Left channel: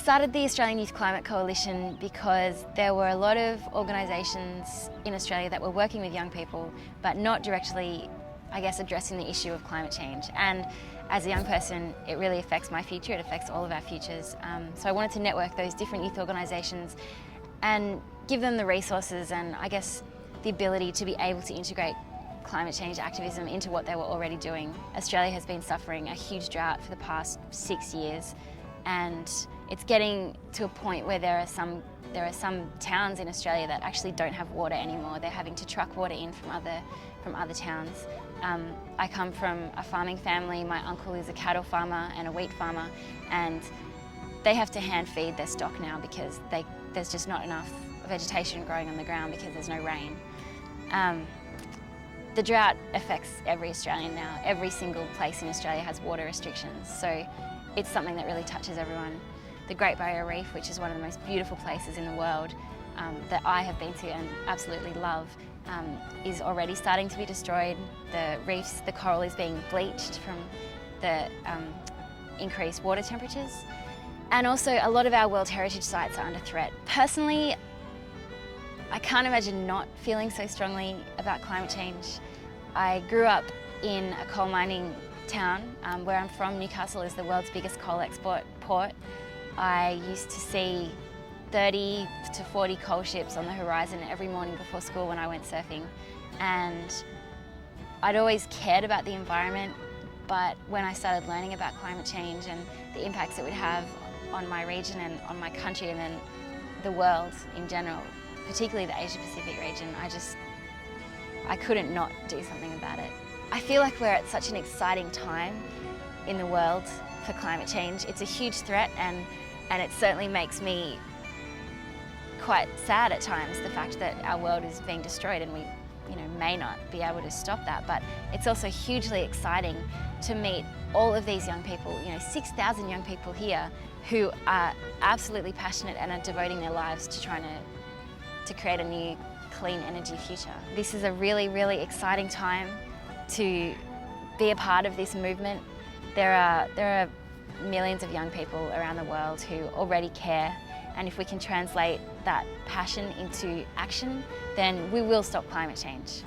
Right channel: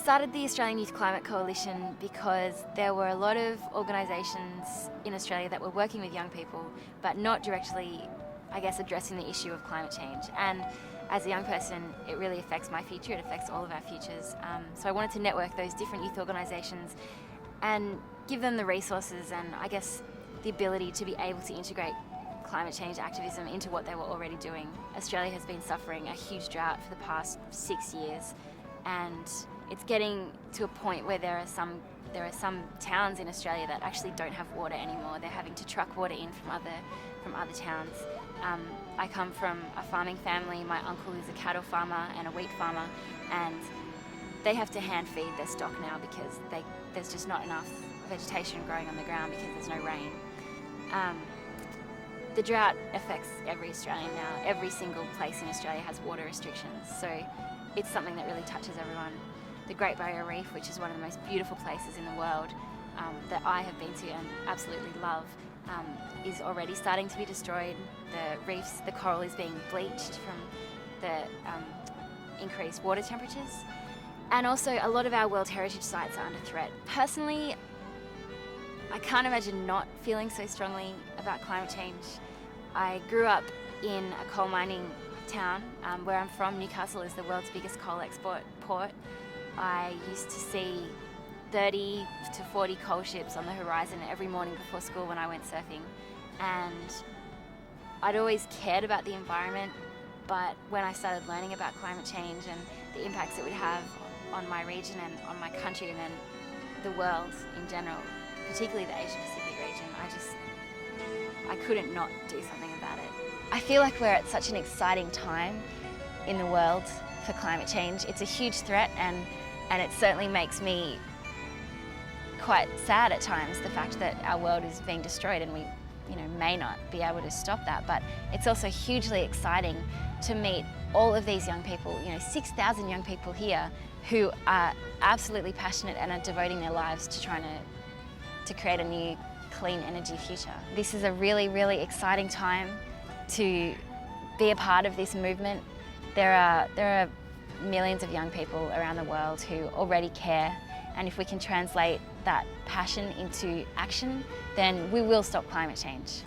started the Australian Youth Climate Coalition because there were a lot of organisations in Australia that were working with young people, but not directly, I guess, addressing the issue of climate change. And as a young person, it really affects my future, it affects all of our futures. So I wanted to network those different youth organisations and give them the resources and, I guess, the ability to be able to integrate climate change activism into what they were already doing. Australia has been suffering a huge drought for the past 6 years, and it's getting to a point where there are some towns in Australia that actually don't have water anymore. They're having to truck water in from other towns. I come from a farming family. My uncle is a cattle farmer and a wheat farmer, and they have to hand feed their stock now because there's just not enough vegetation growing on the ground because there's no rain. The drought affects every Australian now. Every single place in Australia has water restrictions, so it's something that really touches everyone. The Great Barrier Reef, which is one of the most beautiful places in the world that I have been to and absolutely love, is already starting to be destroyed. The reefs, the coral is being bleached from the increased water temperatures. And also a lot of our World Heritage sites are under threat. Personally, I can't imagine not feeling so strongly about climate change. I grew up in a coal mining town. Where I'm from, Newcastle is the world's biggest coal export port. I used to see 30 to 40 coal ships on the horizon every morning before school when I went surfing. And I'd always cared about the environment, but when I started learning about climate change and the impacts it would have on my region and on my country and then the world in general, particularly the Asia Pacific region, I couldn't not do something about it. I feel like we're at such an exciting time in the world for climate change. It's a huge threat, and it certainly makes me quite sad at times, the fact that our world is being destroyed and we may not be able to stop that. But it's also hugely exciting to meet all of these young people, 6,000 young people here who are absolutely passionate and are devoting their lives to trying to create a new clean energy future. This is a really, really exciting time to be a part of this movement. There are millions of young people around the world who already care, and if we can translate that passion into action, then we will stop climate change.